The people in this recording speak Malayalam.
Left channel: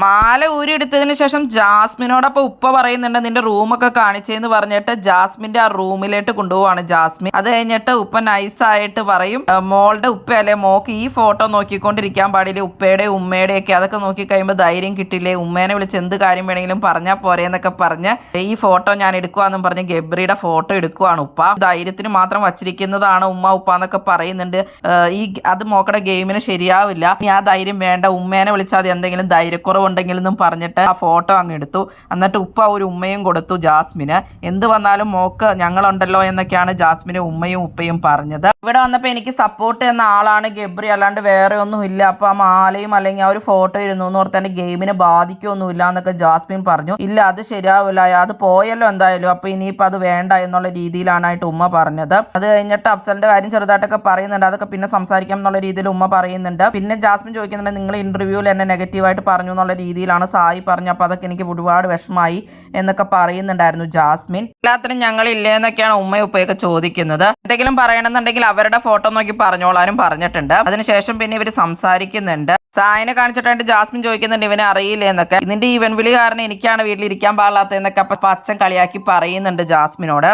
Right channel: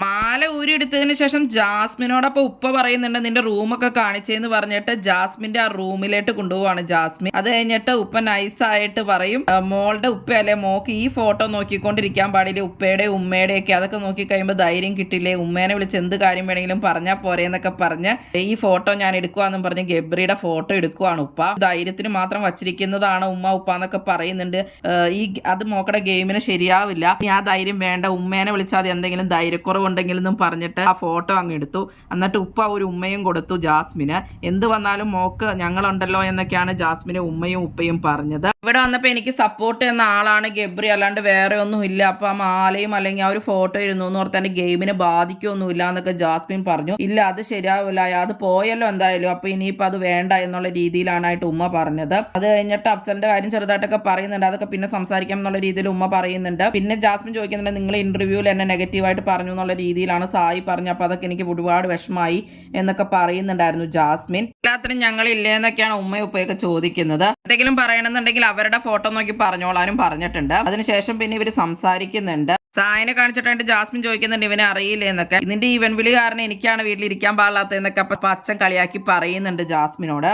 മാല ഊരിയെടുത്തതിന് ശേഷം ജാസ്മിനോടൊപ്പം ഉപ്പ പറയുന്നുണ്ട് നിന്റെ റൂമൊക്കെ കാണിച്ചേന്ന് പറഞ്ഞിട്ട് ജാസ്മിന്റെ ആ റൂമിലേക്ക് കൊണ്ടുപോവാണ് ജാസ്മിൻ. അത് കഴിഞ്ഞിട്ട് ഉപ്പ നൈസായിട്ട് പറയും മോളുടെ ഉപ്പയല്ലേ, മോക്ക് ഈ ഫോട്ടോ നോക്കിക്കൊണ്ടിരിക്കാൻ പാടില്ലേ, ഉപ്പയുടെ ഉമ്മയുടെ ഒക്കെ അതൊക്കെ നോക്കി കഴിയുമ്പോൾ ധൈര്യം കിട്ടില്ലേ, ഉമ്മേനെ വിളിച്ച് എന്ത് കാര്യം വേണമെങ്കിലും പറഞ്ഞാൽ പോരെ എന്നൊക്കെ പറഞ്ഞ് ഈ ഫോട്ടോ ഞാൻ എടുക്കുവാന്നും പറഞ്ഞ് ഗബ്രിയുടെ ഫോട്ടോ എടുക്കുവാണ് ഉപ്പ. ധൈര്യത്തിന് മാത്രം വച്ചിരിക്കുന്നതാണ് ഉമ്മ ഉപ്പ എന്നൊക്കെ പറയുന്നുണ്ട്. അത് മോക്കടെ ഗെയിമിന് ശരിയാവില്ല, ഇനി ആ ധൈര്യം വേണ്ട, ഉമ്മേനെ വിളിച്ചാൽ അത് എന്തെങ്കിലും ധൈര്യക്കുറവുണ്ടെങ്കിലെന്നും പറഞ്ഞിട്ട് ആ ഫോട്ടോ അങ്ങ് എടുത്തു. എന്നിട്ട് ഉപ്പ ഒരു ഉമ്മയും കൊടുത്തു ജാസ്മിന്. എന്ത് വന്നാലും മോക്ക് ഞങ്ങളുണ്ടല്ലോ എന്നൊക്കെയാണ് ജാസ്മിന് ഉമ്മയും ഉപ്പയും പറഞ്ഞത്. ഇവിടെ വന്നപ്പോൾ എനിക്ക് സപ്പോർട്ട് എന്ന ആളാണ് ഗബ്രി, അല്ലാണ്ട് വേറെ ഒന്നും ഇല്ല. അപ്പൊ ആ മാലയും അല്ലെങ്കിൽ ആ ഒരു ഫോട്ടോ ഇരുന്നു എന്ന് ഓർത്ത് എൻ്റെ ഗെയിമിനെ ബാധിക്കൊന്നുമില്ല എന്നൊക്കെ ജാസ്മിൻ പറഞ്ഞു. ഇല്ല അത് ശരിയാവില്ല, അത് പോയല്ലോ എന്തായാലും, അപ്പൊ ഇനിയിപ്പോൾ അത് വേണ്ട എന്നുള്ള രീതിയിലാണായിട്ട് ഉമ്മ പറഞ്ഞത്. അത് കഴിഞ്ഞിട്ട് അഫ്സലിന്റെ കാര്യം ചെറുതായിട്ടൊക്കെ പറയുന്നുണ്ട്, അതൊക്കെ പിന്നെ സംസാരിക്കാം എന്നുള്ള രീതിയിൽ ഉമ്മ പറയുന്നുണ്ട്. പിന്നെ ജാസ്മിൻ ചോദിക്കുന്നുണ്ട് നിങ്ങൾ ഇന്റർവ്യൂവിൽ എന്നെ നെഗറ്റീവായിട്ട് പറഞ്ഞു എന്നുള്ള രീതിയിലാണ് സായി പറഞ്ഞു. അപ്പോൾ അതൊക്കെ എനിക്ക് ഒരുപാട് വിഷമമായി എന്നൊക്കെ പറയുന്നുണ്ടായിരുന്നു ജാസ്മിൻ. എല്ലാത്തിനും ഞങ്ങളില്ലേ എന്നൊക്കെയാണ് ഉമ്മയും ഉപ്പയൊക്കെ ചോദിക്കുന്നത്. എന്തെങ്കിലും പറയണമെന്നുണ്ടെങ്കിൽ അവരുടെ ഫോട്ടോ നോക്കി പറഞ്ഞോളാനും പറഞ്ഞിട്ടുണ്ട്. അതിനുശേഷം പിന്നെ ഇവർ സംസാരിക്കുന്നുണ്ട്. സായിനെ കാണിച്ചിട്ടായിട്ട് ജാസ്മിൻ ചോദിക്കുന്നുണ്ട് ഇവനെ അറിയില്ലേ എന്നൊക്കെ. ഇതിന്റെ ഇവൻ വിളി കാരണം എനിക്കാണ് വീട്ടിലിരിക്കാൻ പാടില്ലാത്തതെന്നൊക്കെ അപ്പൊ അച്ഛൻ കളിയാക്കി പറയുന്നുണ്ട് ജാസ്മിനോട്.